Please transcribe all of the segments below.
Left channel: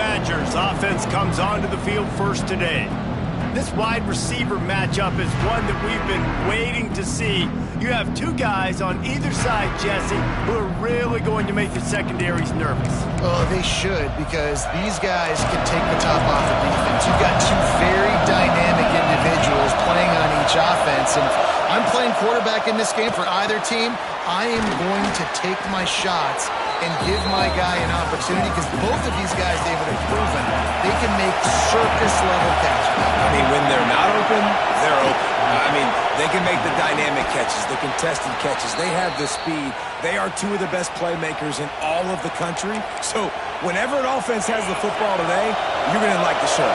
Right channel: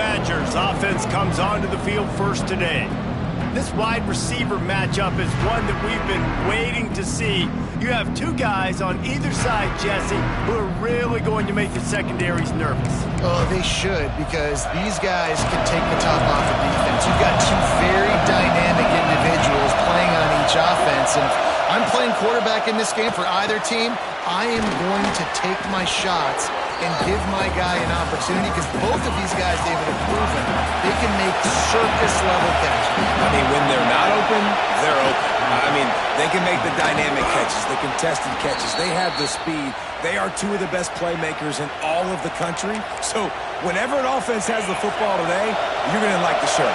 Badgers offense comes onto the field first today. This wide receiver matchup is one that we've been waiting to see. You have two guys on either side, Jesse, who are really going to make the secondaries nervous. Oh, they should, because these guys can take the top off of defense. You've got two very dynamic individuals playing on each offense, and if I'm playing quarterback in this game for either team, I am going to take my shots and give my guy an opportunity, because both of these guys, David, have proven they can make circus-level catches. I mean, when they're not open, they're open. I mean, they can make the dynamic catches, the contested catches. They have the speed. They are two of the best playmakers in all of the country. So whenever an offense has the football today, you're going to like the show.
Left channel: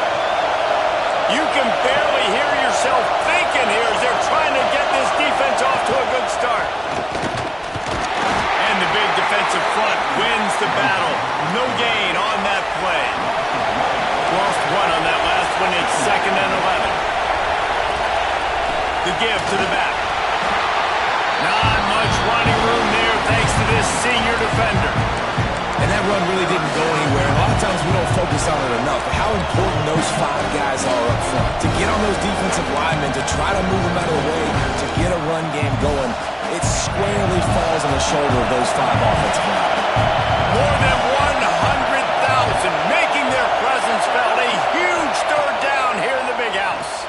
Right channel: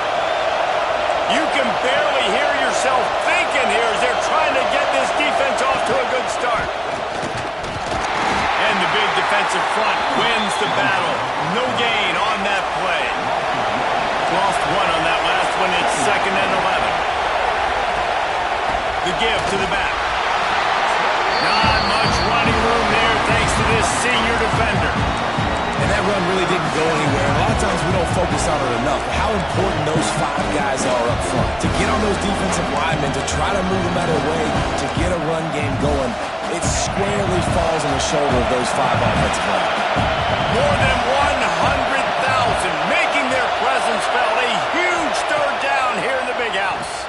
You can barely hear yourself thinking here as they're trying to get this defense off to a good start. And the big defensive front wins the battle. No gain on that play. Lost one on that last one. It's 2nd and 11. The give to the back. Not much running room there thanks to this senior defender. And that run really didn't go anywhere. And a lot of times we don't focus on it enough. But how important those 5 guys are up front. To get on those defensive linemen, to try to move them out of the way, to get a run game going, it squarely falls on the shoulder of those 5 offensive linemen. More than 100,000 making their presence felt. A huge 3rd down here in the big house.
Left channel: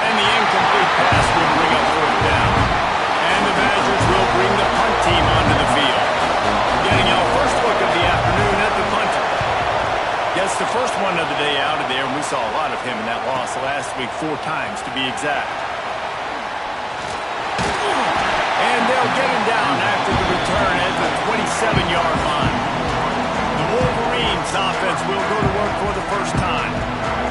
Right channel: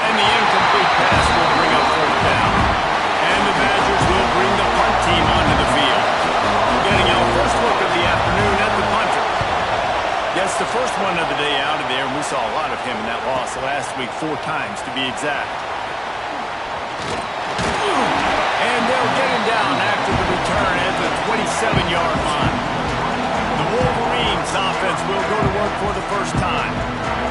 And the incomplete pass will bring up 4th down. And the Badgers will bring the punt team onto the field. Getting our first look of the afternoon at the punter. Gets the first one of the day out of there, and we saw a lot of him in that loss last week, 4 times to be exact. And they'll get him down after the return at the 27-yard line. The Wolverines offense will go to work for the first time.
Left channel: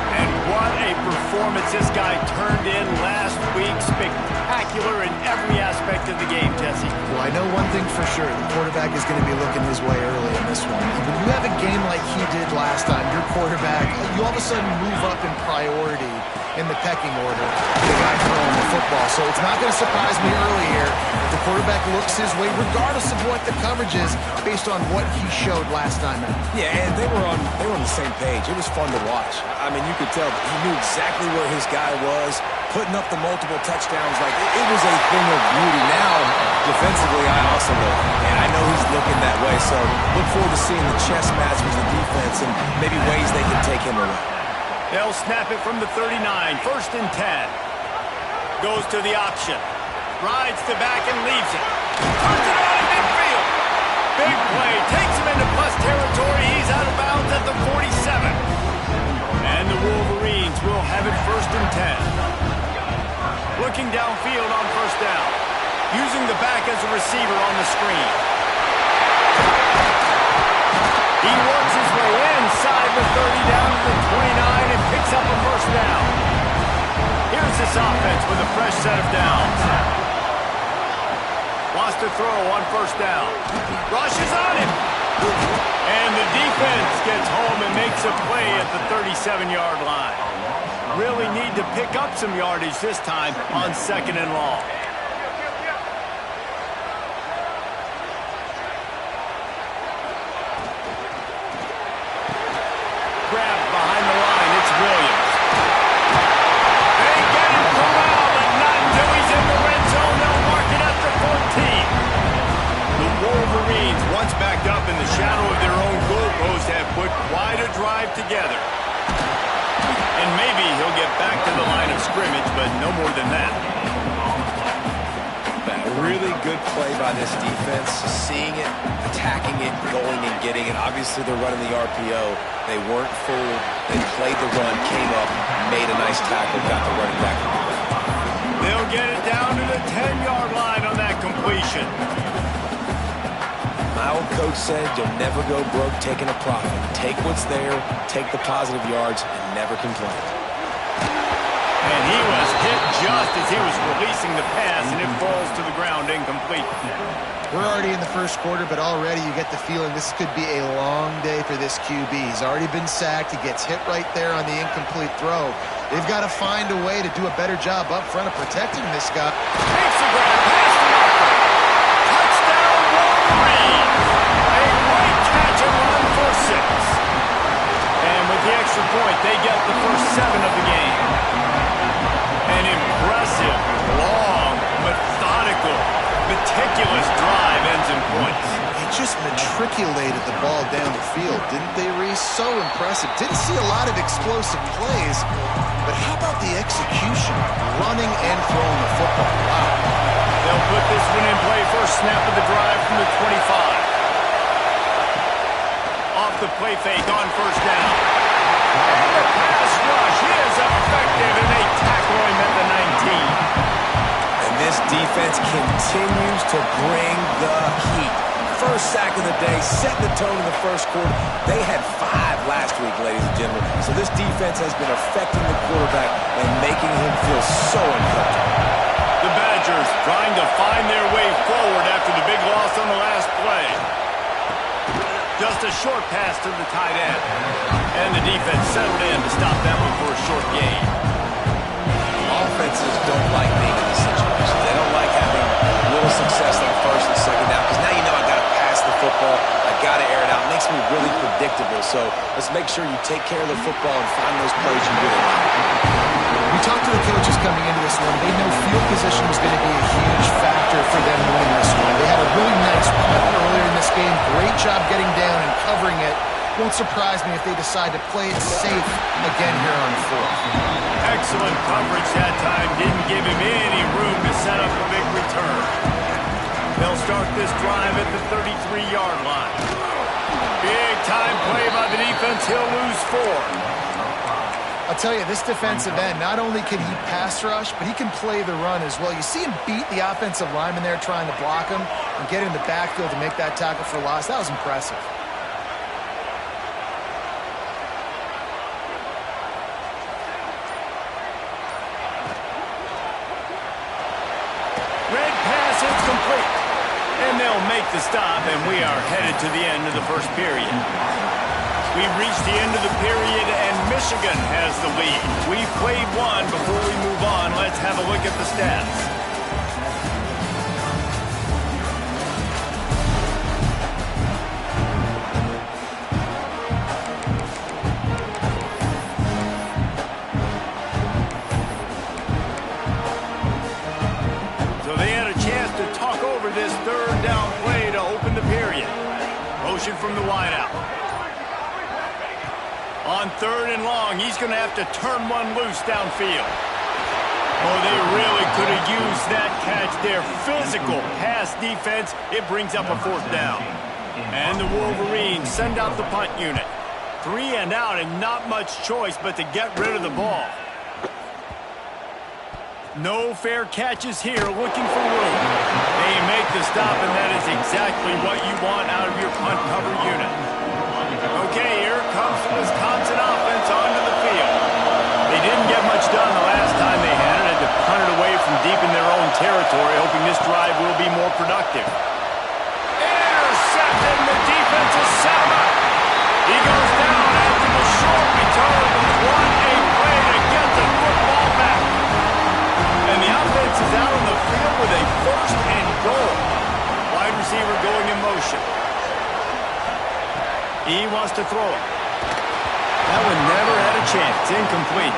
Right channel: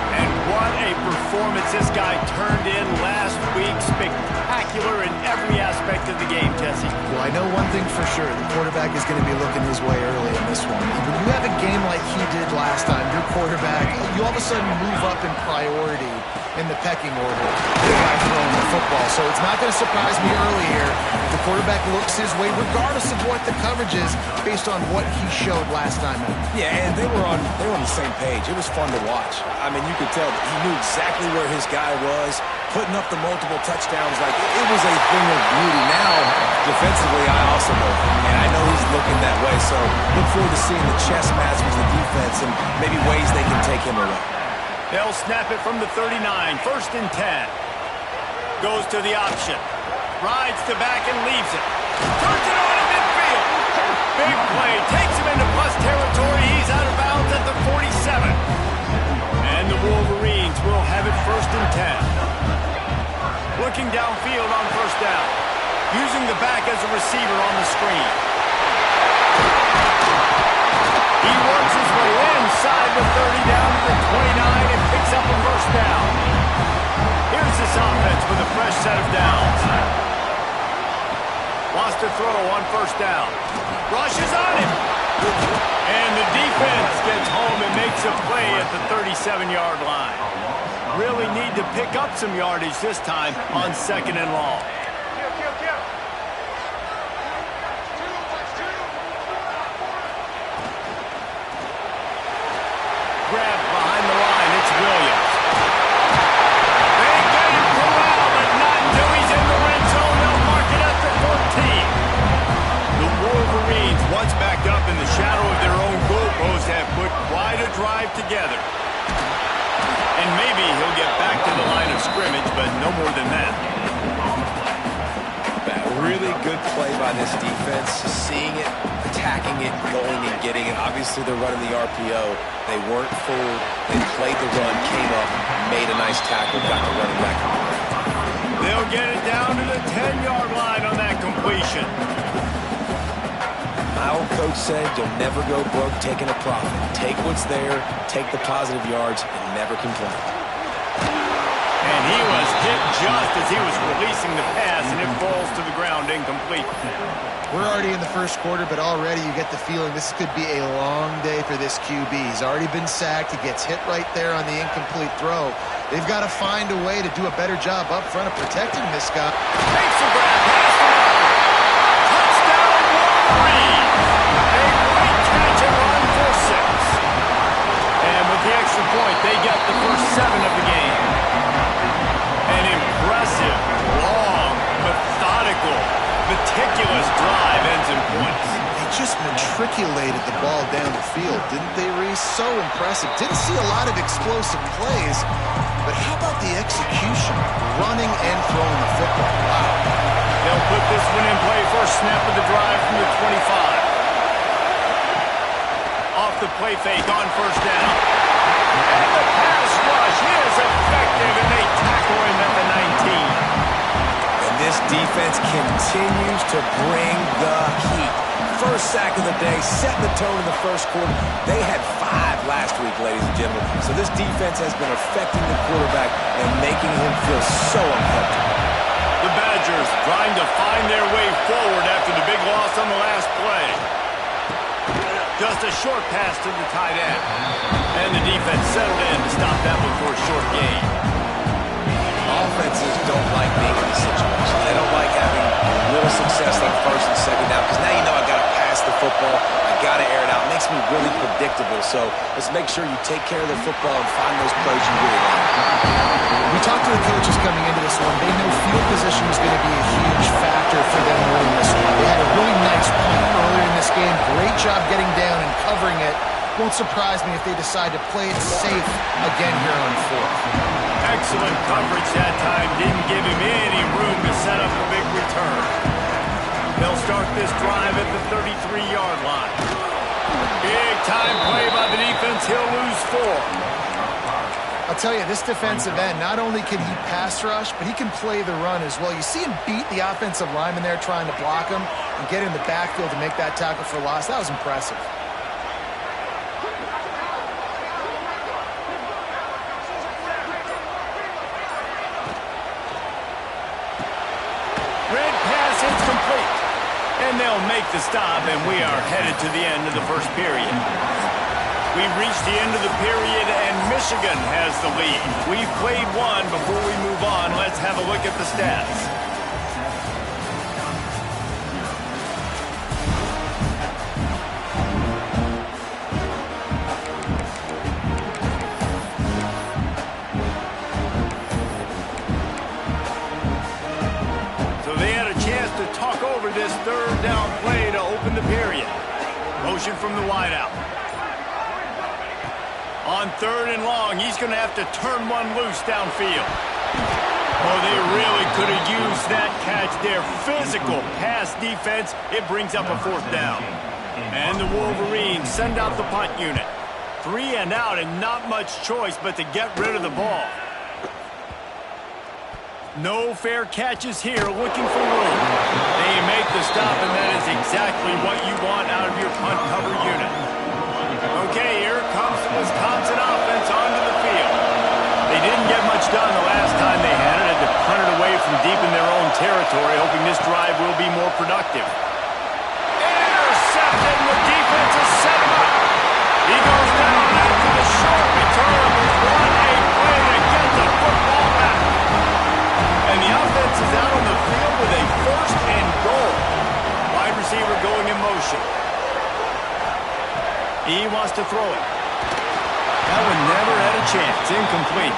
And what a performance this guy turned in last week. Spectacular in every aspect of the game, Jesse. Well, I know one thing for sure. The quarterback is going to be looking his way early in this one. When you have a game like he did last time, your quarterback, you all of a sudden move up in priority in the pecking order, the guy throwing the football. So it's not going to surprise me early here if the quarterback looks his way, regardless of what the coverage is, based on what he showed last time out. Yeah, and they were on the same page. It was fun to watch. I mean, you could tell he knew exactly where his guy was, putting up the multiple touchdowns. Like, it was a thing of beauty. Now, defensively, I also know that, and I know he's looking that way. So look forward to seeing the chess match with the defense and maybe ways they can take him away. They'll snap it from the 39, 1st and 10. Goes to the option. Rides the back and leaves it. Turns it on in midfield. Big play. Takes him into plus territory. He's out of bounds at the 47. And the Wolverines will have it 1st and 10. Looking downfield on 1st down. Using the back as a receiver on the screen. He works his way inside the 30 down to the 29 and picks up a 1st down. Here's this offense with a fresh set of downs. Wants to throw on 1st down. Rushes on him. And the defense gets home and makes a play at the 37-yard line. Really need to pick up some yardage this time on 2nd and long. Grabbed behind the line, it's Williams. They get him corralled, but not until he's in the red zone. They'll mark it at the 14. The Wolverines, once back up in the shadow of their own goalpost, have put quite a drive together. And maybe he'll get back to the line of scrimmage, but no more than that. That really good play by this defense, seeing it, attacking it, going and getting it. Obviously, they're running the RPO. They weren't fooled. They played the run, came up, made a nice tackle, got the running back on the ground. They'll get it down to the 10-yard line on that completion. My old coach said you'll never go broke taking a profit. Take what's there, take the positive yards, and never complain. And he was hit just as he was releasing the pass, and it falls to the ground incomplete. We're already in the 1st quarter, but already you get the feeling this could be a long day for this QB. He's already been sacked. He gets hit right there on the incomplete throw. They've got to find a way to do a better job up front of protecting this guy. Takes the grab, pass the marker. Touchdown, Wolverines. A great catch and run 6. And with the extra point, they get the first 7 of the game. An impressive, long, methodical, meticulous drive ends in points. They just matriculated the ball down the field, didn't they, Reese? So impressive. Didn't see a lot of explosive plays, but how about the execution? Running and throwing the football. Wow. They'll put this one in play. First snap of the drive from the 25. Off the play fake on first down. And the pass rush is effective, and they tackle him at the 19. And this defense continues to bring the heat. First sack of the day, setting the tone in the first quarter. They had 5 last week, ladies and gentlemen. So this defense has been affecting the quarterback and making him feel so uncomfortable. The Badgers trying to find their way forward after the big loss on the last play. Just a short pass to the tight end. And the defense settled in to stop that one for a short gain. Offenses don't like being in this situation. They don't like having little success on first and second down because now you know I got to pass the football. I got to air it out. It makes me really predictable. So let's make sure you take care of the football and find those plays you really like. We talked to the coaches coming into this one. They know field position was going to be a huge factor for them winning this one. They had a really nice punt earlier in this game. Great job getting down and covering it. Won't surprise me if they decide to play it safe again here on 4th. Excellent coverage that time. Didn't give him any room to set up a big return. They'll start this drive at the 33-yard line. Big time play by the defense. He'll lose 4. I'll tell you, this defensive end, not only can he pass rush, but he can play the run as well. You see him beat the offensive lineman there trying to block him and get in the backfield to make that tackle for loss. That was impressive. Red pass, it's complete. And they'll make the stop, and we are headed to the end of the first period. We've reached the end of the period, and Michigan has the lead. We've played one. Before we move on, let's have a look at the stats. So they had a chance to talk over this third down play to open the period. Motion from the wideout. On 3rd and long, he's going to have to turn one loose downfield. Oh, they really could have used that catch there. Physical pass defense. It brings up a 4th down. And the Wolverines send out the punt unit. 3 and out and not much choice but to get rid of the ball. No fair catches here, looking for room. They make the stop, and that is exactly what you want out of your punt cover unit. Okay, here comes the Wisconsin offense onto the field. They didn't get much done the last time they had it. Had to punt it away from deep in their own territory, hoping this drive will be more productive. Intercepted, and the defense has set him up. He goes down after the short return. What a play to get the football back. And the offense is out on the field with a 1st and goal. Wide receiver going in motion. He wants to throw it. That one never had a chance. Incomplete.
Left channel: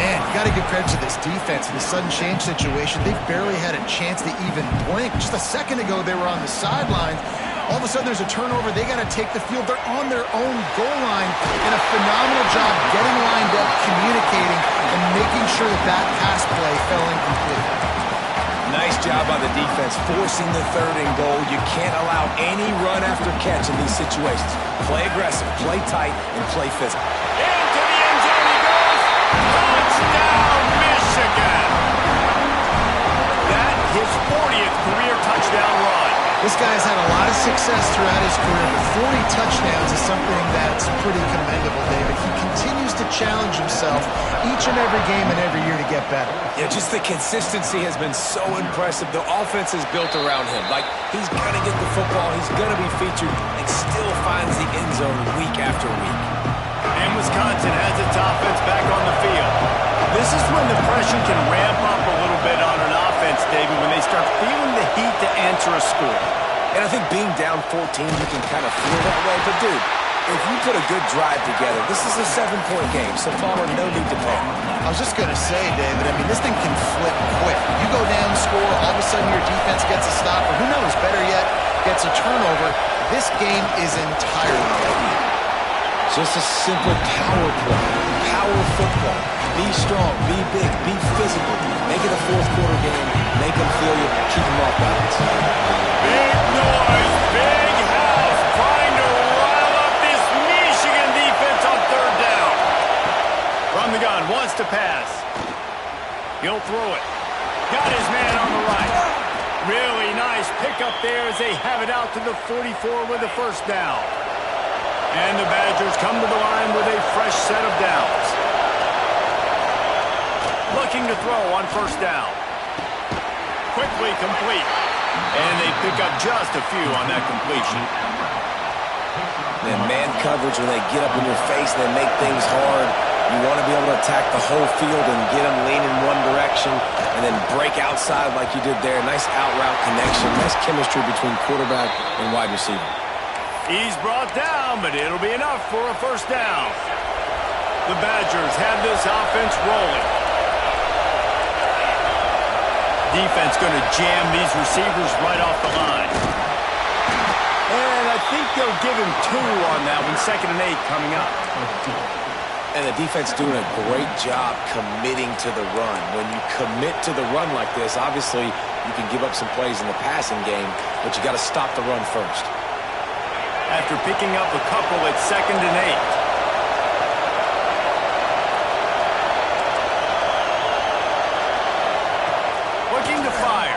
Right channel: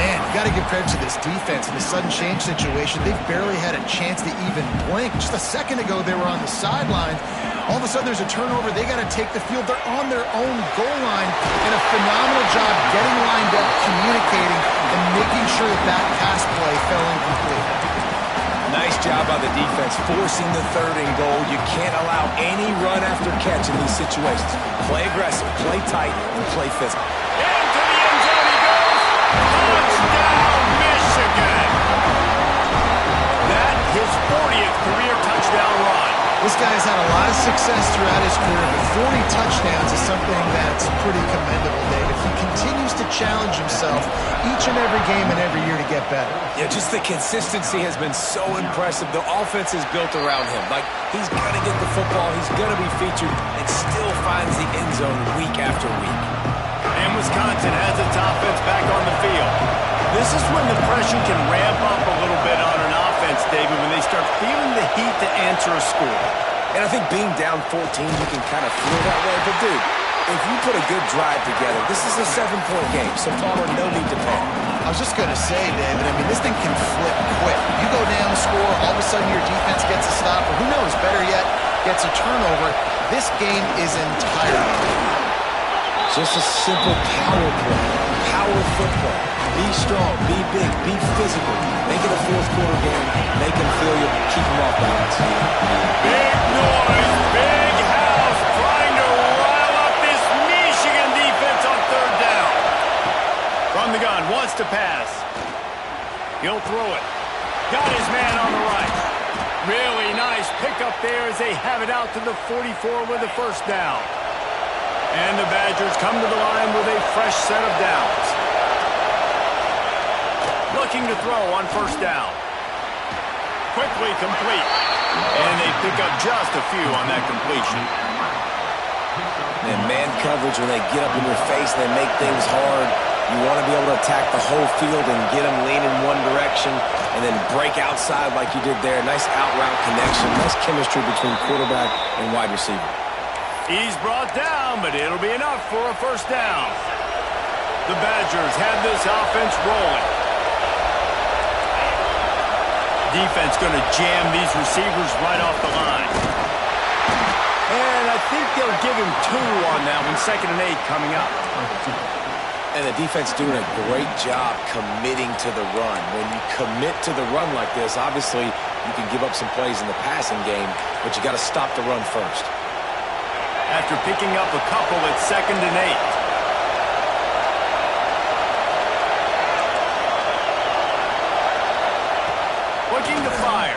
Man, you got to give credit to this defense in the sudden change situation. They've barely had a chance to even blink. Just a second ago, they were on the sidelines. All of a sudden, there's a turnover. They got to take the field. They're on their own goal line. And a phenomenal job getting lined up, communicating, and making sure that that pass play fell incomplete. Nice job by the defense, forcing the 3rd and goal. You can't allow any run after catch in these situations. Play aggressive, play tight, and play physical. Into the end zone he goes. Touchdown, Michigan. That his 40th career touchdown run. This guy's had a lot of success throughout his career, but 40 touchdowns is something that's pretty commendable, David. He continues to challenge himself each and every game and every year to get better. Yeah, just the consistency has been so impressive. The offense is built around him. Like, he's going to get the football, he's going to be featured, and still finds the end zone week after week. And Wisconsin has its offense back on the field. This is when the pressure can ramp up a little bit on an offense, David, when they start feeling the heat to answer a score. And I think being down 14, you can kind of feel that way. But, dude, If you put a good drive together, this is a 7-point game, so Palmer, no need to panic. I was just going to say, David, I mean, this thing can flip quick. You go down, score, all of a sudden your defense gets a stop, or who knows, better yet, gets a turnover. This game is entirely different. Just a simple power play, power football. Be strong, be big, be physical. Make it a fourth-quarter game. Make them feel you, keep them off balance. Big noise, big house, trying to rile up this Michigan defense on third down. From the gun, wants to pass. He'll throw it. Got his man on the right. Really nice pickup there as they have it out to the 44 with the first down. And the Badgers come to the line with a fresh set of downs. Looking to throw on first down. Quickly complete. And they pick up just a few on that completion. And man coverage, when they get up in your face and they make things hard, you want to be able to attack the whole field and get them leaning one direction and then break outside like you did there. Nice out route connection. Nice chemistry between quarterback and wide receiver. He's brought down, but it'll be enough for a first down. The Badgers have this offense rolling. Defense going to jam these receivers right off the line. And I think they'll give him 2 on that one. 2nd and 8 coming up. And the defense doing a great job committing to the run. When you commit to the run like this, obviously you can give up some plays in the passing game, but you got to stop the run first. After picking up a couple at 2nd and 8. Looking to fire.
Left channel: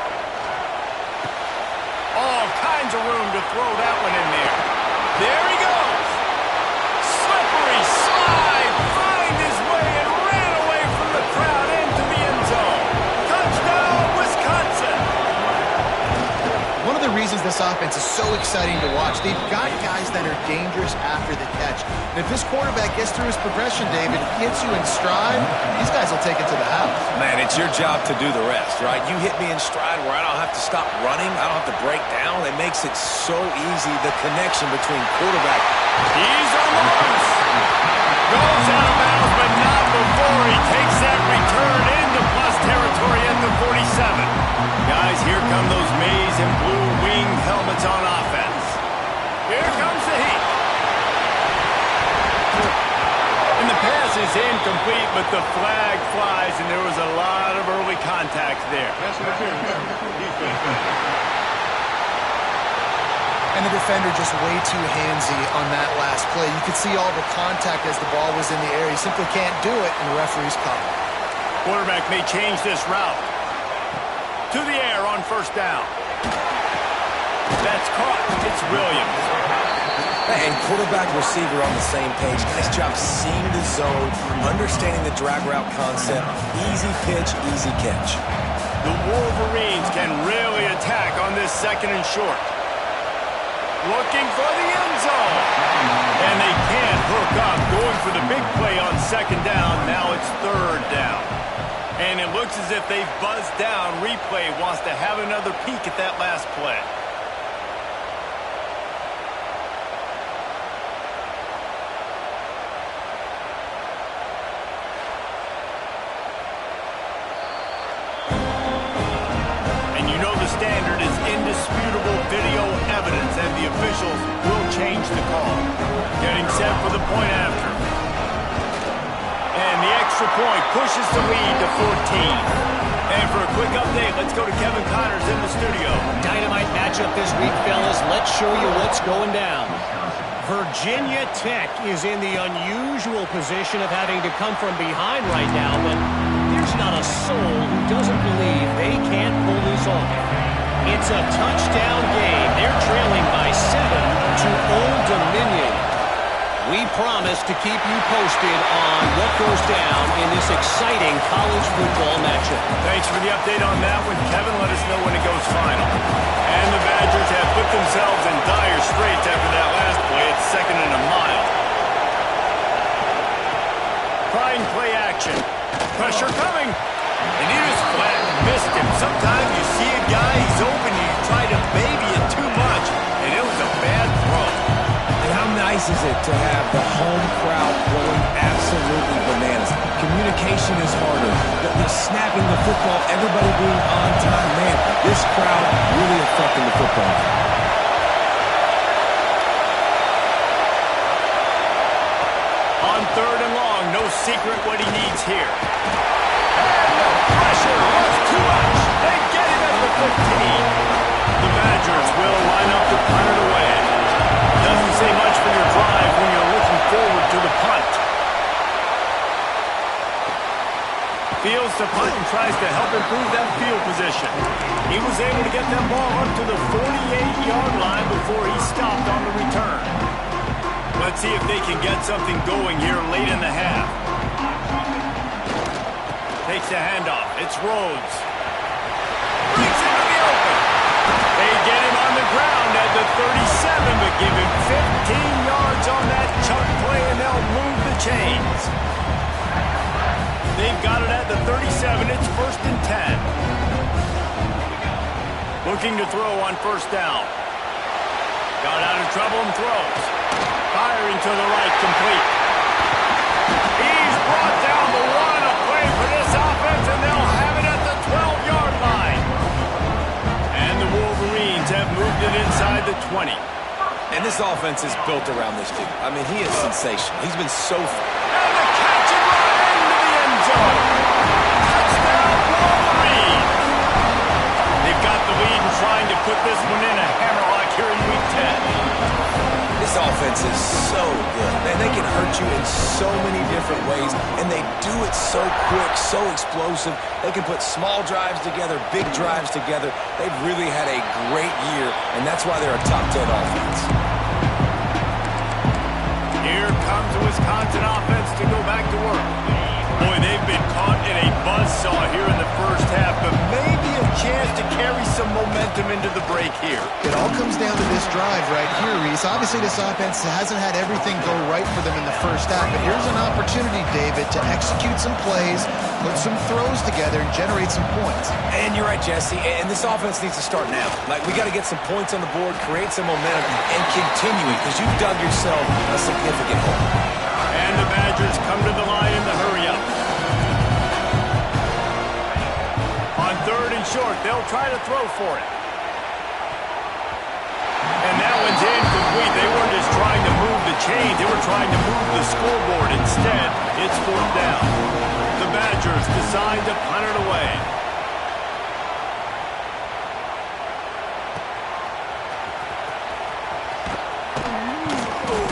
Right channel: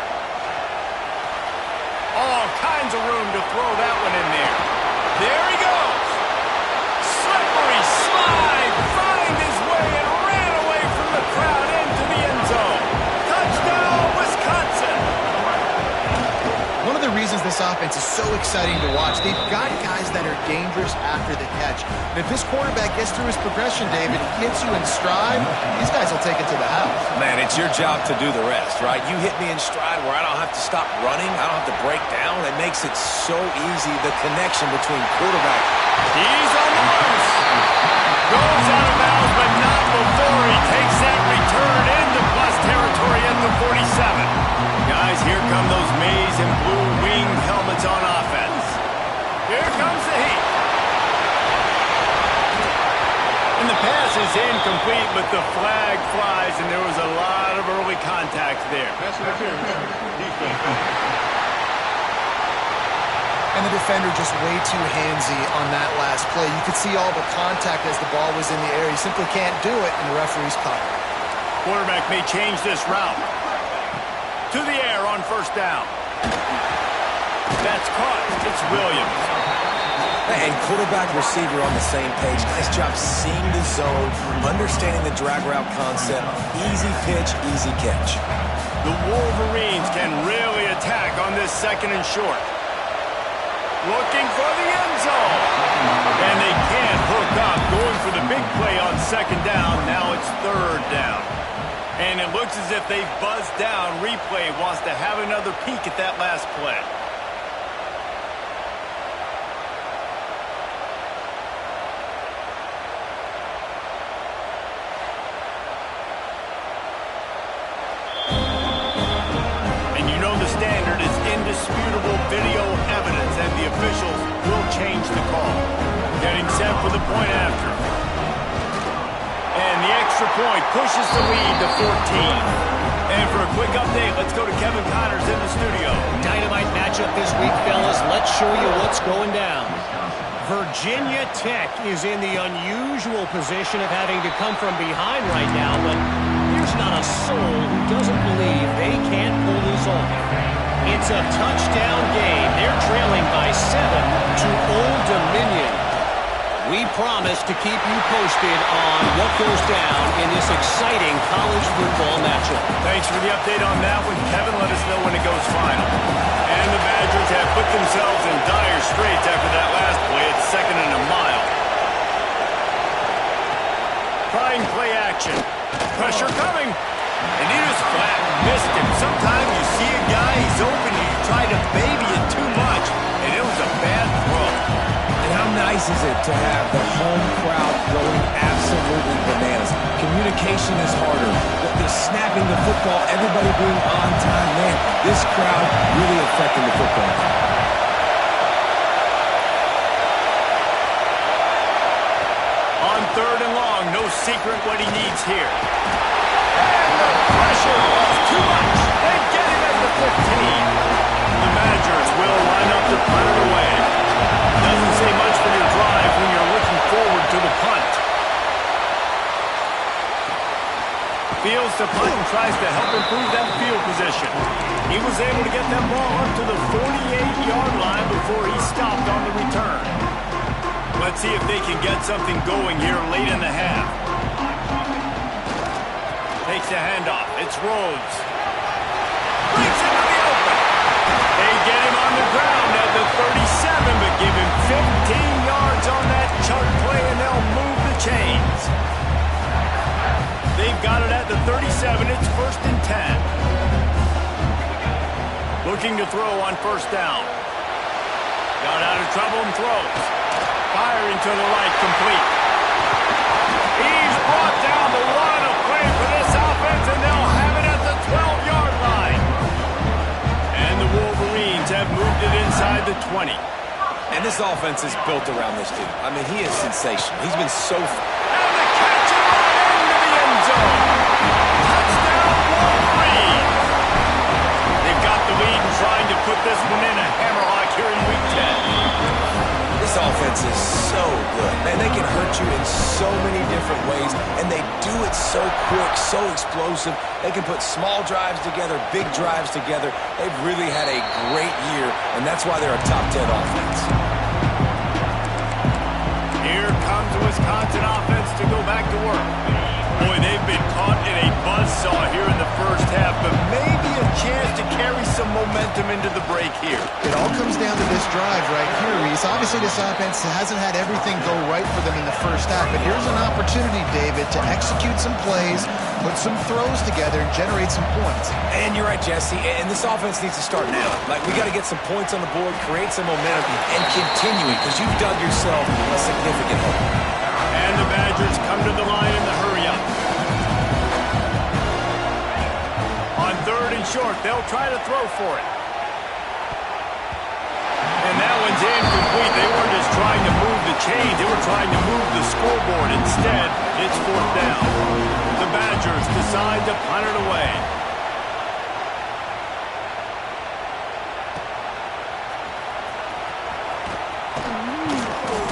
All kinds of room to throw that one in there. There he goes. Slippery slide. Find his way and ran away from the crowd into the end zone. Touchdown, Wisconsin. One of the reasons this offense is so exciting to watch, they've got guys that are dangerous after the catch. And if this quarterback gets through his progression, David, hits you in stride, these guys will take it to the house. Man, it's your job to do the rest, right? You hit me in stride where I don't have to stop running. I don't have to break down. It makes it so easy, the connection between quarterback. He's on the loose. Goes out of bounds, but not before he takes that return into plus territory at the 47. Guys, here come those maize and blue winged helmets on offense. Here comes the heat. And the pass is incomplete, but the flag flies, and there was a lot of early contact there. And the defender just way too handsy on that last play. You could see all the contact as the ball was in the air. He simply can't do it, and the referee's caught it. Quarterback may change this route. To the air on first down. That's caught. It's Williams. And quarterback receiver on the same page. Nice job seeing the zone, understanding the drag route concept. Easy pitch, easy catch. The Wolverines can really attack on this 2nd and short. Looking for the end zone. And they can't hook up. Going for the big play on 2nd down. Now it's 3rd down. And it looks as if they've buzzed down. Replay wants to have another peek at that last play. And you know the standard is indisputable video evidence, and the officials will change the call. Getting set for the point after. And the extra point pushes the lead to 14. And for a quick update, let's go to Kevin Connors in the studio. Dynamite matchup this week, fellas. Let's show you what's going down. Virginia Tech is in the unusual position of having to come from behind right now, but there's not a soul who doesn't believe they can't pull this off. It's a touchdown game. They're trailing by 7 to Old Dominion. We promise to keep you posted on what goes down in this exciting college football matchup. Thanks for the update on that one, Kevin. Let us know when it goes final. And the Badgers have put themselves in dire straits after that last play. It's 2nd and a mile. Trying play action. Pressure coming. And he just flat missed him. Sometimes you see a guy, he's open, and you try to baby it too much, and it was a bad throw. And how How nice is it to have the home crowd going absolutely bananas? Communication is harder. The snapping the football, everybody being on time. Man, this crowd really affecting the football game. On 3rd and long, no secret what he needs here. And the pressure was too much. They get him at the 15. The Badgers will line up to punt it away. Doesn't say much for your drive when you're looking forward to the punt. Fields to punt and tries to help improve that field position. He was able to get that ball up to the 48-yard line before he stopped on the return. Let's see if they can get something going here late in the half. Takes the handoff. It's Rhodes. Breaks into the open. They get him on the ground at the 37, but give him 15 yards on that chunk play, and they'll move the chains. They've got it at the 37. It's 1st and 10. Looking to throw on 1st down. Got out of trouble and throws. Firing to the right, complete. He's brought down the one, a play for this offense, and they'll have it at the 12-yard line. And the Wolverines have moved it inside the 20. And this offense is built around this dude. I mean, he is sensational. He's been so... And the catch and run into the end zone. Touchdown, Wolverines. They've got the lead and trying to put this one in a hammerlock here in Week 10. This offense is so good. Man, they can hurt you in so many different ways, and they do it so quick, so explosive. They can put small drives together, big drives together. They've really had a great year, and that's why they're a top 10 offense. Here comes the Wisconsin offense to go back to work. Boy, they've been caught in a buzzsaw here in the first half, but maybe a chance to carry some momentum into the break here. It all comes down to this drive right here, Reese. Obviously, this offense hasn't had everything go right for them in the first half, but here's an opportunity, David, to execute some plays, put some throws together, and generate some points. And you're right, Jesse, and this offense needs to start now. Like, we got to get some points on the board, create some momentum, and continue it, because you've dug yourself a significant hole. And the Badgers come to the line in the hurry-up. On 3rd and short, they'll try to throw for it. And that one's incomplete. They weren't just trying to move the chains. They were trying to move the scoreboard. Instead, it's 4th down. The Badgers decide to punt it away.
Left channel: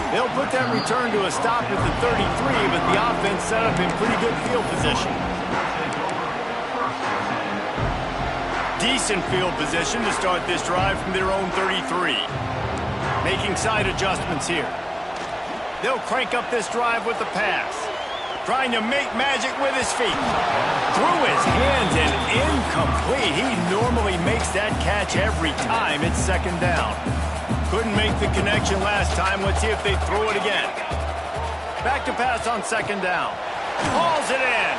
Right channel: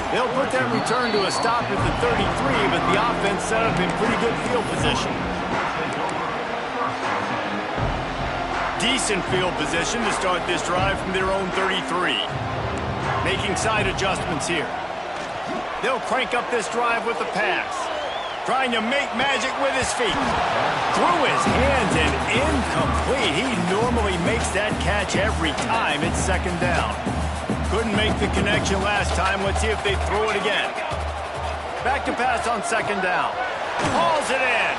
They'll put that return to a stop at the 33, but the offense set up in pretty good field position. Decent field position to start this drive from their own 33. Making side adjustments here. They'll crank up this drive with the pass. Trying to make magic with his feet. Through his hands and incomplete. He normally makes that catch every time. It's 2nd down. Couldn't make the connection last time. Let's see if they throw it again. Back to pass on 2nd down. Hauls it in.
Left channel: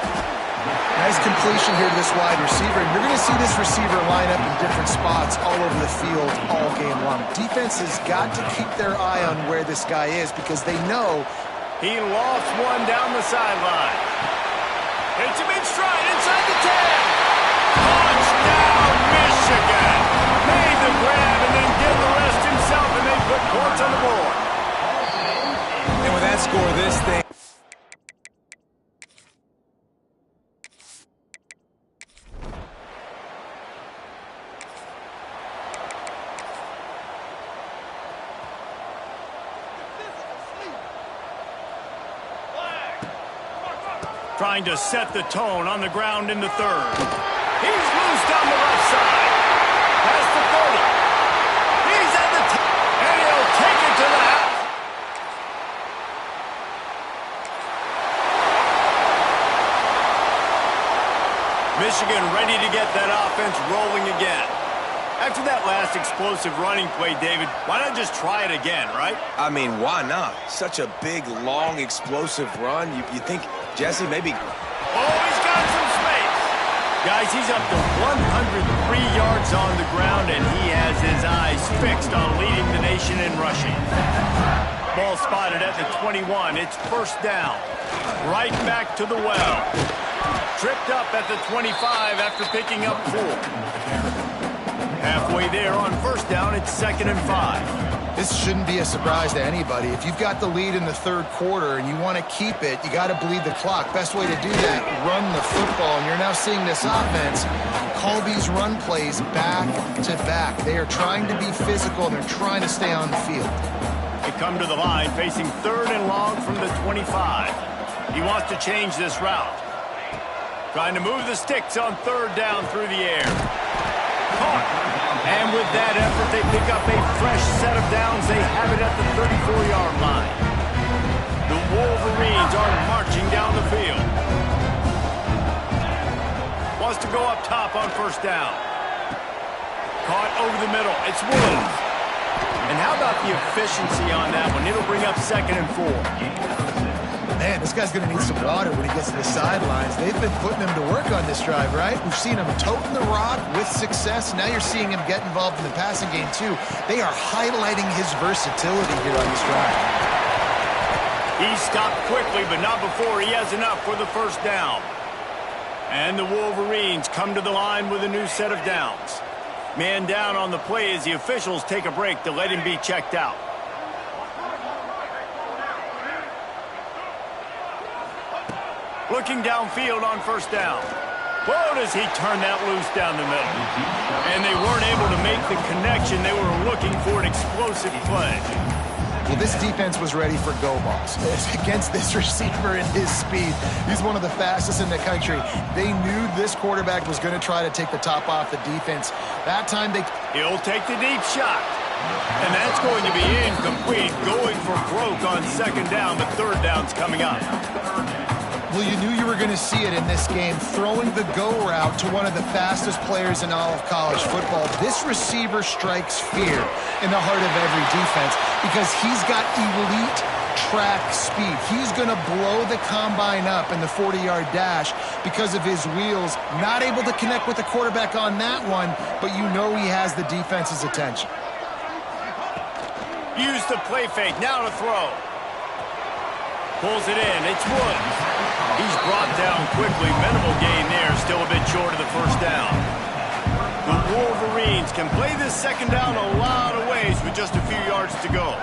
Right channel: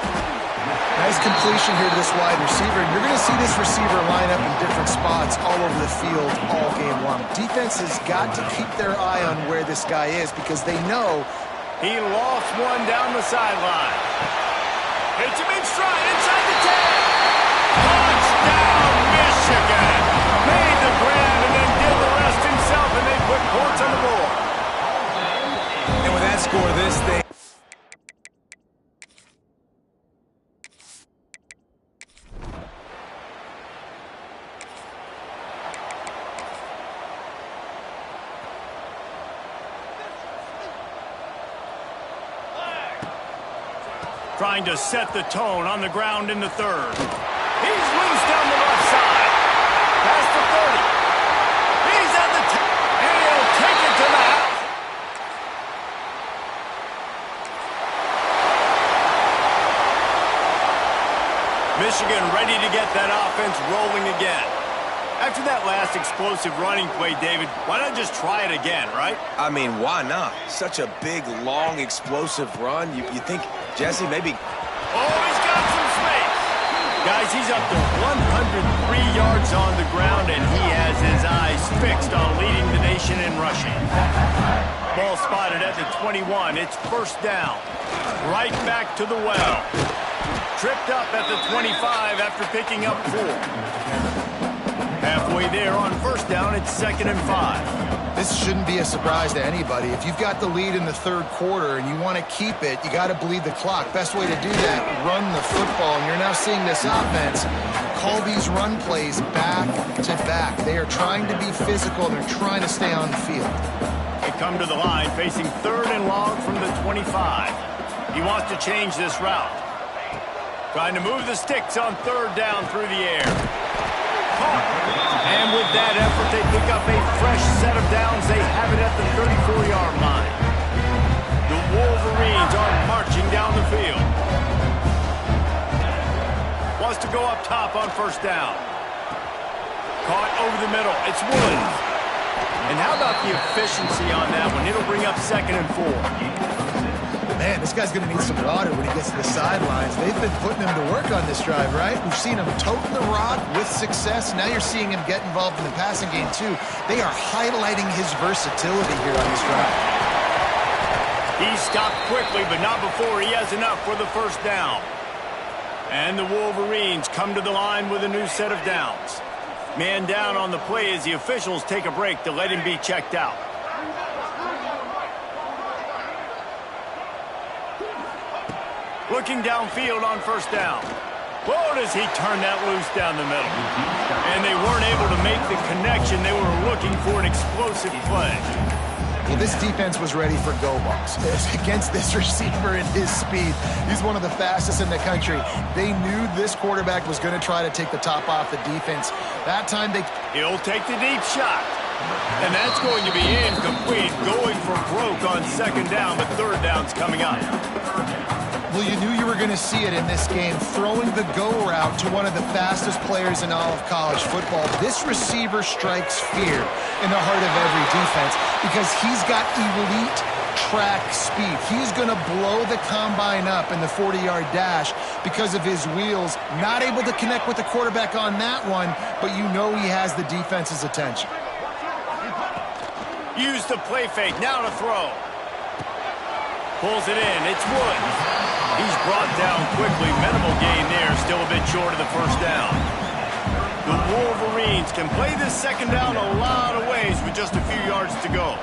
Nice completion here to this wide receiver. And you're going to see this receiver line up in different spots all over the field all game long. Defense has got to keep their eye on where this guy is because they know he lost one down the sideline. Hits him in stride inside the 10. Touchdown, Michigan. Made the grab and then did the rest himself, and they put points on the board. And with that score, this thing... Trying to set the tone on the ground in the 3rd. He's loose down the left side. Past the 30. He's at the 10. And he'll take it to the house. Michigan ready to get that offense rolling again. After that last explosive running play, David, why not just try it again, right? I mean, why not? Such a big, long, explosive run. You think, Jesse, maybe... Oh, he's got some space. Guys, he's up to 103 yards on the ground, and he has his eyes fixed on leading the nation in rushing. Ball spotted at the 21. It's first down. Right back to the well. Tripped up at the 25 after picking up 4. Halfway there on first down, it's 2nd and 5. This shouldn't be a surprise to anybody. If you've got the lead in the third quarter and you want to keep it, you got to bleed the clock. Best way to do that, run the football. And you're now seeing this offense call these run plays back to back. They are trying to be physical, and they're trying to stay on the field. They come to the line facing 3rd and long from the 25. He wants to change this route. Trying to move the sticks on 3rd down through the air. Caught. And with that effort, they pick up a fresh set of downs. They have it at the 34-yard line. The Wolverines are marching down the field. Wants to go up top on first down. Caught over the middle. It's Woods. And how about the efficiency on that one? It'll bring up 2nd and 4. Man, this guy's going to need some water when he gets to the sidelines. They've been putting him to work on this drive, right? We've seen him toting the rock with success. Now you're seeing him get involved in the passing game, too. They are highlighting his versatility here on this drive. He stopped quickly, but not before he has enough for the first down. And the Wolverines come to the line with a new set of downs. Man down on the play as the officials take a break to let him be checked out. Looking downfield on first down. Whoa, does he turn that loose down the middle. And they weren't able to make the connection. They were looking for an explosive play. Well, this defense was ready for go balls against this receiver and his speed. He's one of the fastest in the country. They knew this quarterback was going to try to take the top off the defense. That time He'll take the deep shot. And that's going to be incomplete. Going for broke on 2nd down, but 3rd down's coming up. Well, you knew you were going to see it in this game, throwing the go route to one of the fastest players in all of college football. This receiver strikes fear in the heart of every defense because he's got elite track speed. He's going to blow the combine up in the 40-yard dash because of his wheels. Not able to connect with the quarterback on that one, but you know he has the defense's attention. Use the play fake. Now to throw. Pulls it in. It's Woods. He's brought down quickly. Minimal gain there. Still a bit short of the first down. The Wolverines can play this 2nd down a lot of ways with just a few yards to go.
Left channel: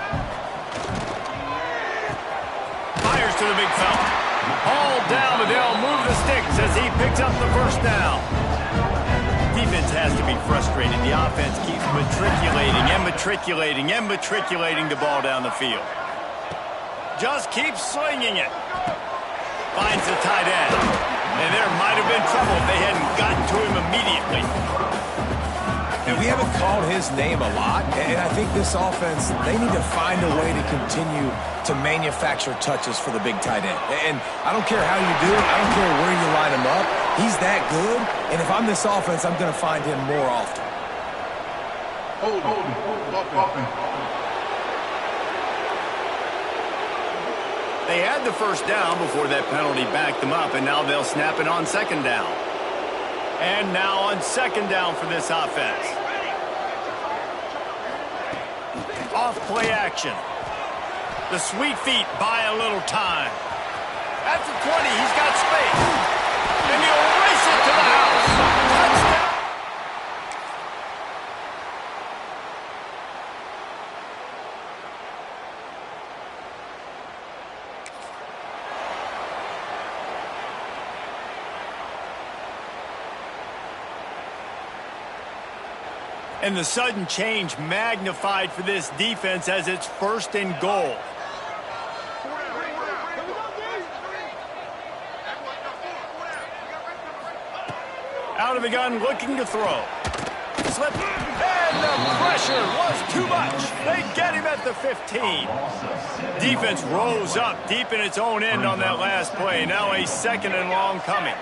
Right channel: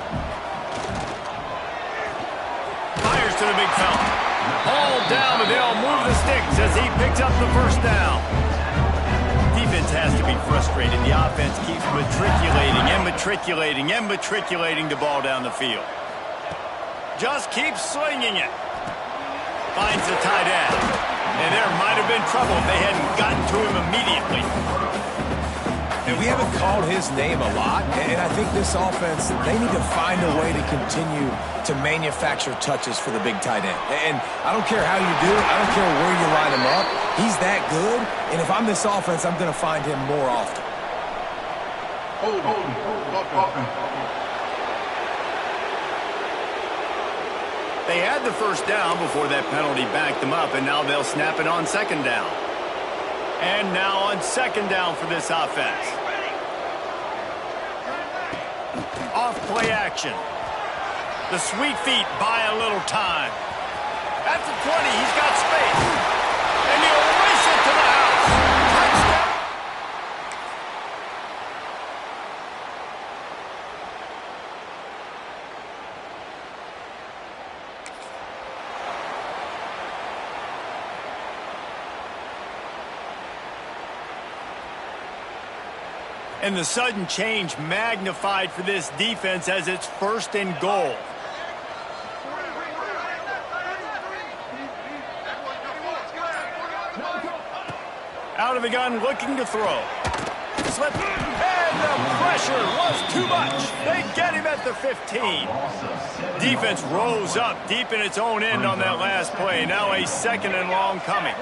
Fires to the big fella. Hauled down, but they'll move the sticks as he picks up the first down. Defense has to be frustrated. The offense keeps matriculating the ball down the field. Just keeps slinging it. Finds the tight end. And there might have been trouble if they hadn't gotten to him immediately. And we haven't called his name a lot. And I think this offense, they need to find a way to continue to manufacture touches for the big tight end. And I don't care how you do it. I don't care where you line him up. He's that good. And if I'm this offense, I'm going to find him more often. Hold on. They had the first down before that penalty backed them up, and now they'll snap it on 2nd down. And now on 2nd down for this offense. Off play action. The sweet feet buy a little time. At the 20, he's got space. And he'll race it to the house. Touchdown. And the sudden change magnified for this defense as it's 1st and goal. Out of the gun, looking to throw. Slip, and the pressure was too much. They get him at the 15. Defense rose up deep in its own end on that last play. Now a 2nd and long coming.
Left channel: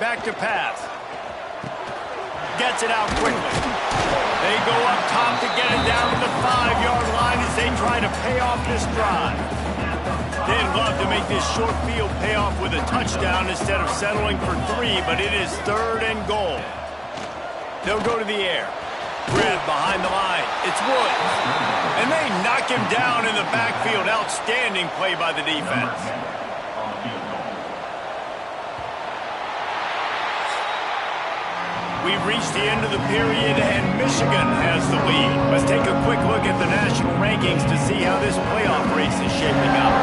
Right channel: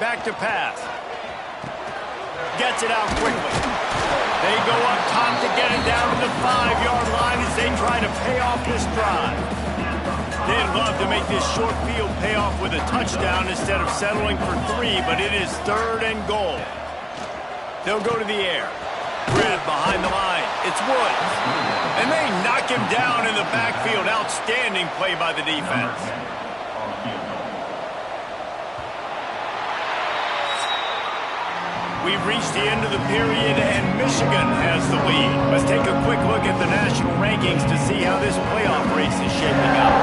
Back to pass. Gets it out quickly. They go up top to get it down to the 5-yard line as they try to pay off this drive. They'd love to make this short field pay off with a touchdown instead of settling for 3, but it is 3rd and goal. They'll go to the air. Grab behind the line. It's Woods. And they knock him down in the backfield. Outstanding play by the defense. We've reached the end of the period, and Michigan has the lead. Let's take a quick look at the national rankings to see how this playoff race is shaping up.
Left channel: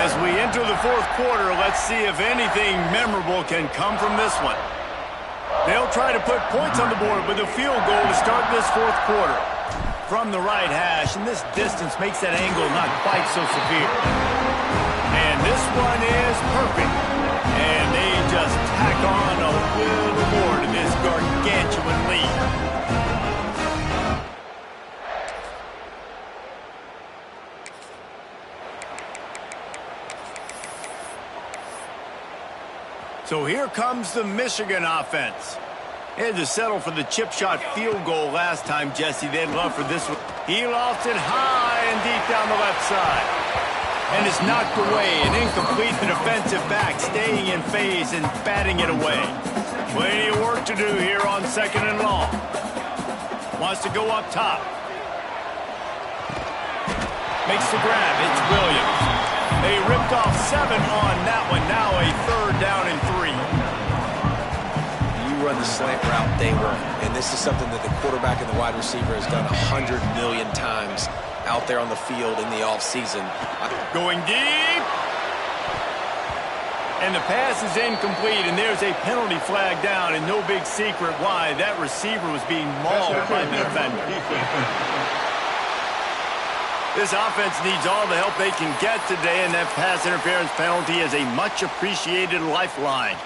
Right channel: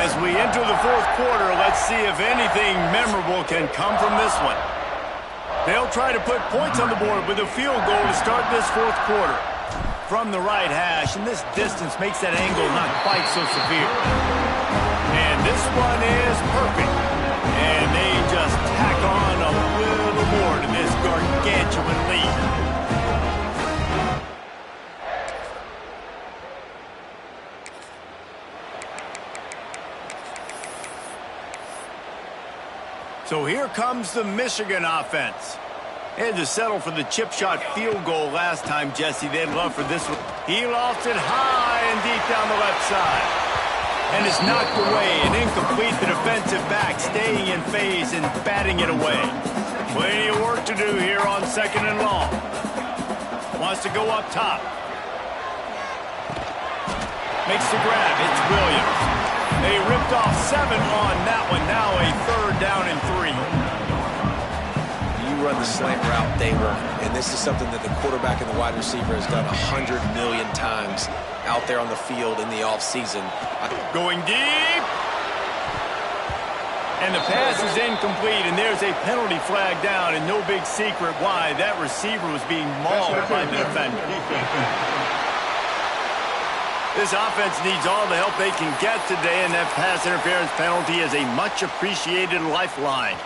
As we enter the fourth quarter, let's see if anything memorable can come from this one. They'll try to put points on the board with a field goal to start this fourth quarter. From the right hash, and this distance makes that angle not quite so severe. And this one is perfect. And they just tack on a little more to this gargantuan lead. So here comes the Michigan offense. They had to settle for the chip shot field goal last time, Jesse. They'd love for this one. He lofts it high and deep down the left side. And it's knocked away and incomplete. The defensive back staying in phase and batting it away. Plenty of work to do here on 2nd and long. Wants to go up top. Makes the grab. It's Williams. They ripped off 7 on that one. Now a 3rd down and 3. Run the slant route day one, and this is something that the quarterback and the wide receiver has done 100 million times out there on the field in the offseason. Going deep, and the pass is incomplete, and there's a penalty flag down, and no big secret why. That receiver was being mauled by the defender. This offense needs all the help they can get today, and that pass interference penalty is a much appreciated lifeline.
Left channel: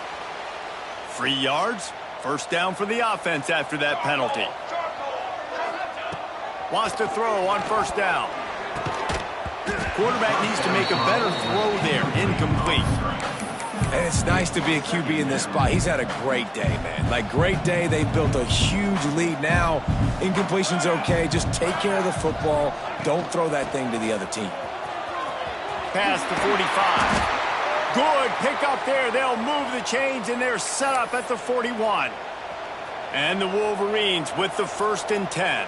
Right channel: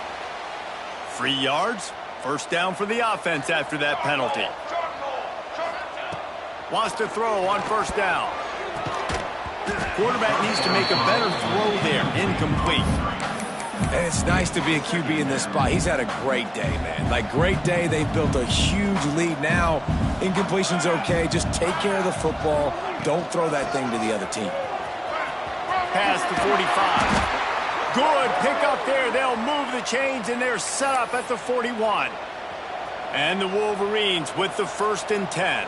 3 yards. 1st down for the offense after that penalty. Wants to throw on 1st down. Quarterback needs to make a better throw there. Incomplete. And it's nice to be a QB in this spot. He's had a great day, man. Like, great day. They've built a huge lead now. Incompletion's okay. Just take care of the football. Don't throw that thing to the other team. Past the 45. Good pick up there. They'll move the chains, and they're set up at the 41. And the Wolverines with the 1st and 10.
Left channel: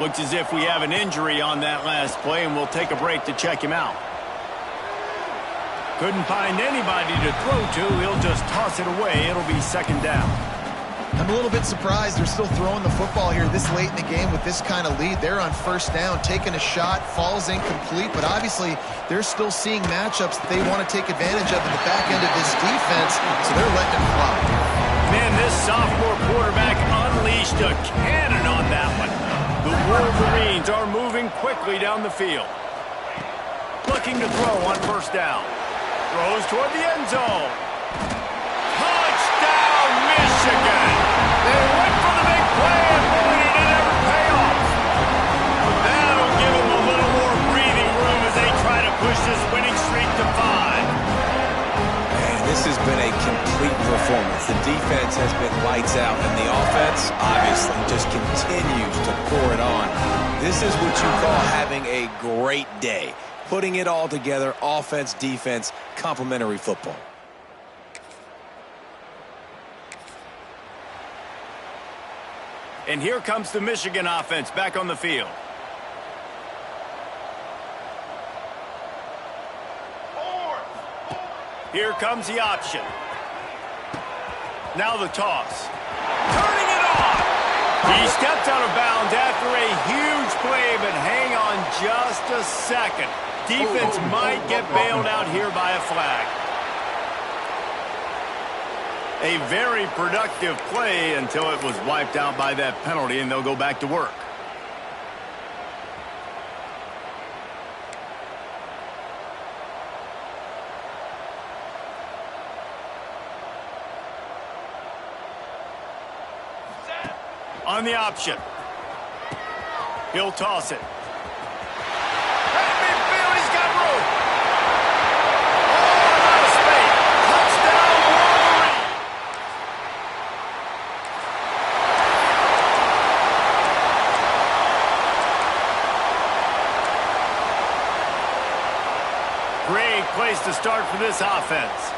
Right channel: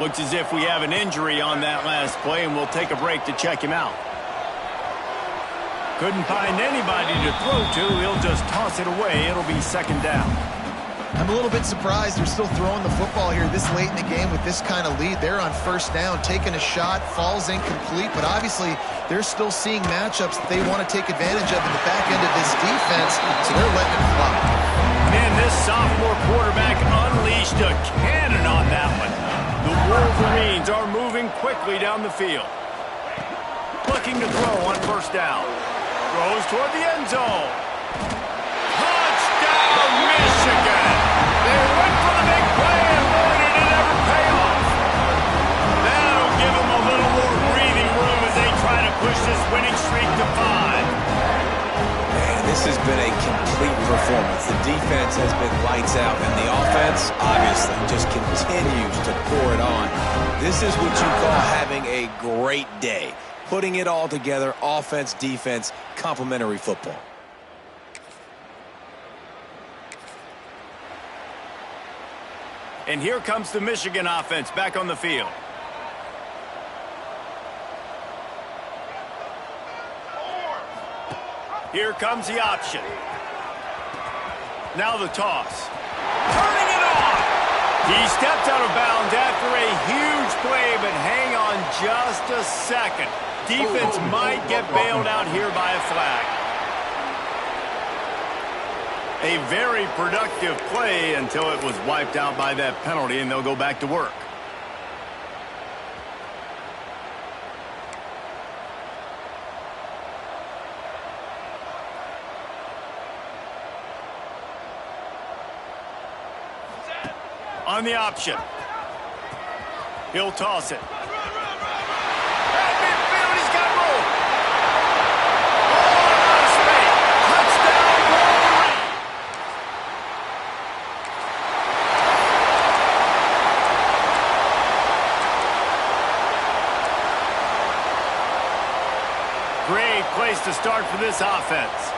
Looks as if we have an injury on that last play, and we'll take a break to check him out. Couldn't find anybody to throw to. He'll just toss it away. It'll be 2nd down. I'm a little bit surprised they're still throwing the football here this late in the game with this kind of lead. They're on 1st down, taking a shot, falls incomplete, but obviously they're still seeing matchups that they want to take advantage of in the back end of this defense, so they're letting it fly. Man, this sophomore quarterback unleashed a cannon on that one. The Wolverines are moving quickly down the field. Looking to throw on 1st down. Throws toward the end zone. Touchdown, Michigan! They went for the big play, and boy, did it ever pay off. That'll give them a little more breathing room as they try to push this winning streak to 5. Man, this has been a complete performance. The defense has been lights out, and the offense, obviously, just continues to pour it on. This is what you call having a great day. Putting it all together, offense, defense, complementary football. And here comes the Michigan offense back on the field. Here comes the option. Now the toss. Turning it on. He stepped out of bounds after a huge play, but hang on just a second. Defense might get bailed out here by a flag. A very productive play until it was wiped out by that penalty, and they'll go back to work. On the option. He'll toss it. At midfield, he's got room. Oh, out of space. Touchdown, Wolverine. place to start for this offense.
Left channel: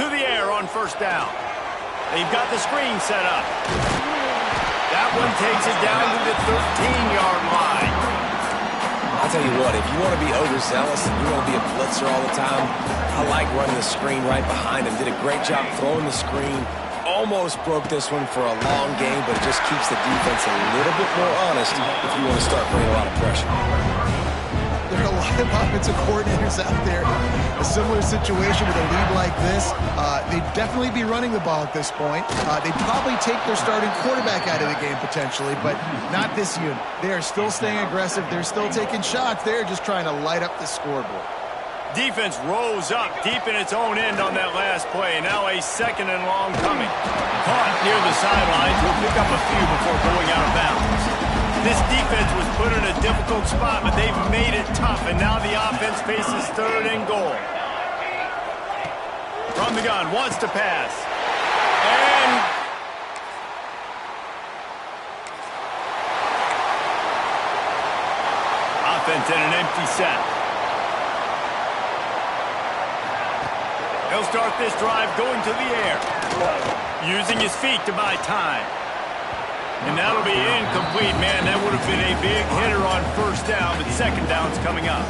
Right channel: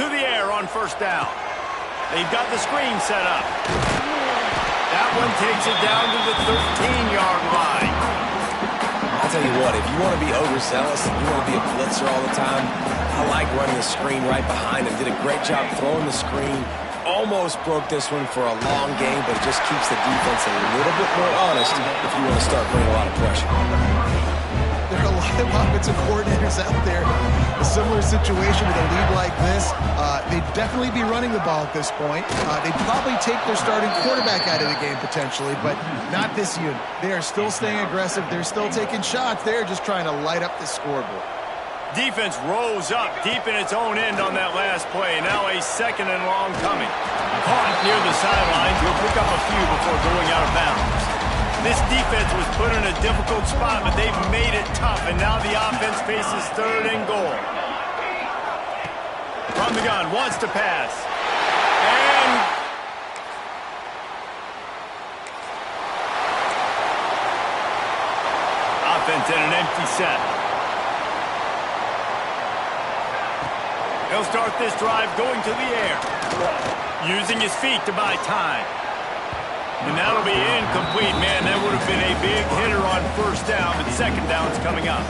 To the air on first down. They've got the screen set up. That one takes it down to the 13-yard line. I'll tell you what, if you want to be overzealous and you want to be a blitzer all the time, I like running the screen right behind him. Did a great job throwing the screen. Almost broke this one for a long game, but it just keeps the defense a little bit more honest if you want to start bringing a lot of pressure. There are a lot of offensive coordinators out there. A similar situation with a lead like this. They'd definitely be running the ball at this point. They'd probably take their starting quarterback out of the game potentially, but not this unit. They are still staying aggressive. They're still taking shots. They're just trying to light up the scoreboard. Defense rose up deep in its own end on that last play. Now a second and long coming. Caught near the sidelines. He'll pick up a few before going out of bounds. This defense was put in a difficult spot, but they've made it tough, and now the offense faces third and goal. From the gun, wants to pass. And offense in an empty set. He'll start this drive going to the air, using his feet to buy time. And that'll be incomplete, man. That would have been a big hitter on first down, but second down's coming up.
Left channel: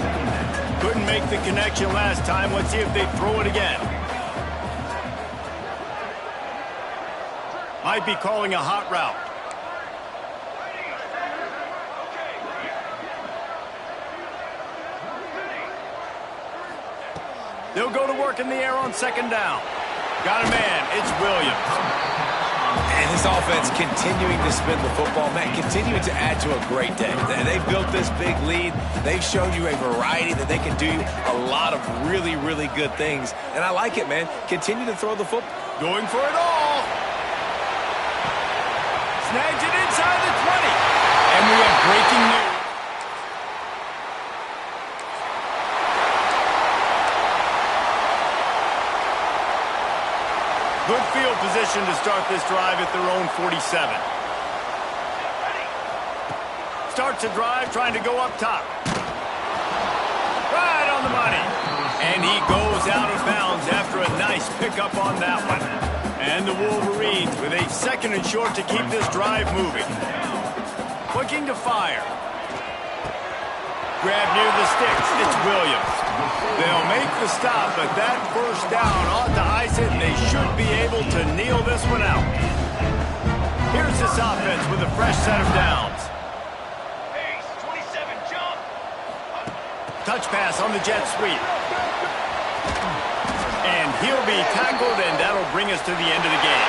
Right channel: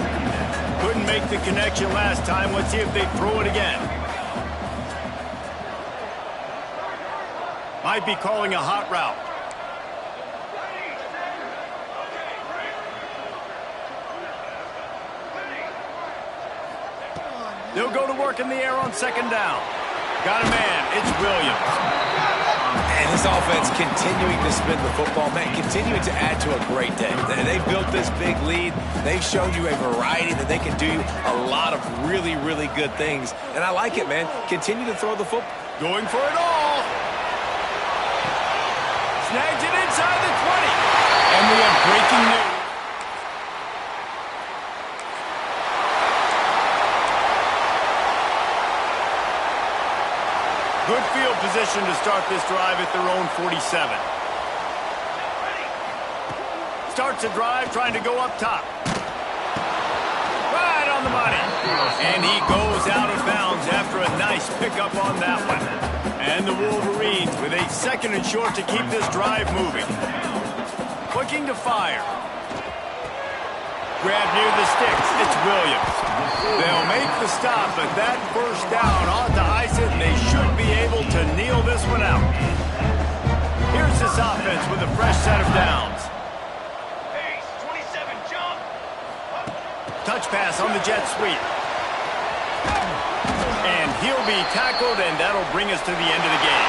Couldn't make the connection last time. Let's see if they throw it again. Might be calling a hot route. They'll go to work in the air on second down. Got a man. It's Williams. And this offense continuing to spin the football, man, continuing to add to a great day. They've built this big lead. They've shown you a variety that they can do a lot of really, really good things. And I like it, man. Continue to throw the football. Going for it all. Snags it inside the 20. And we have breaking news. Good field position to start this drive at their own 47. Starts a drive trying to go up top. Right on the money. And he goes out of bounds after a nice pickup on that one. And the Wolverines with a second and short to keep this drive moving. Looking to fire. Grab near the sticks. It's Williams. They'll make the stop, but that first down ought to ice it, and they should be able to kneel this one out. Here's this offense with a fresh set of downs. Pace, 27, jump. Touch pass on the jet sweep. And he'll be tackled, and that'll bring us to the end of the game.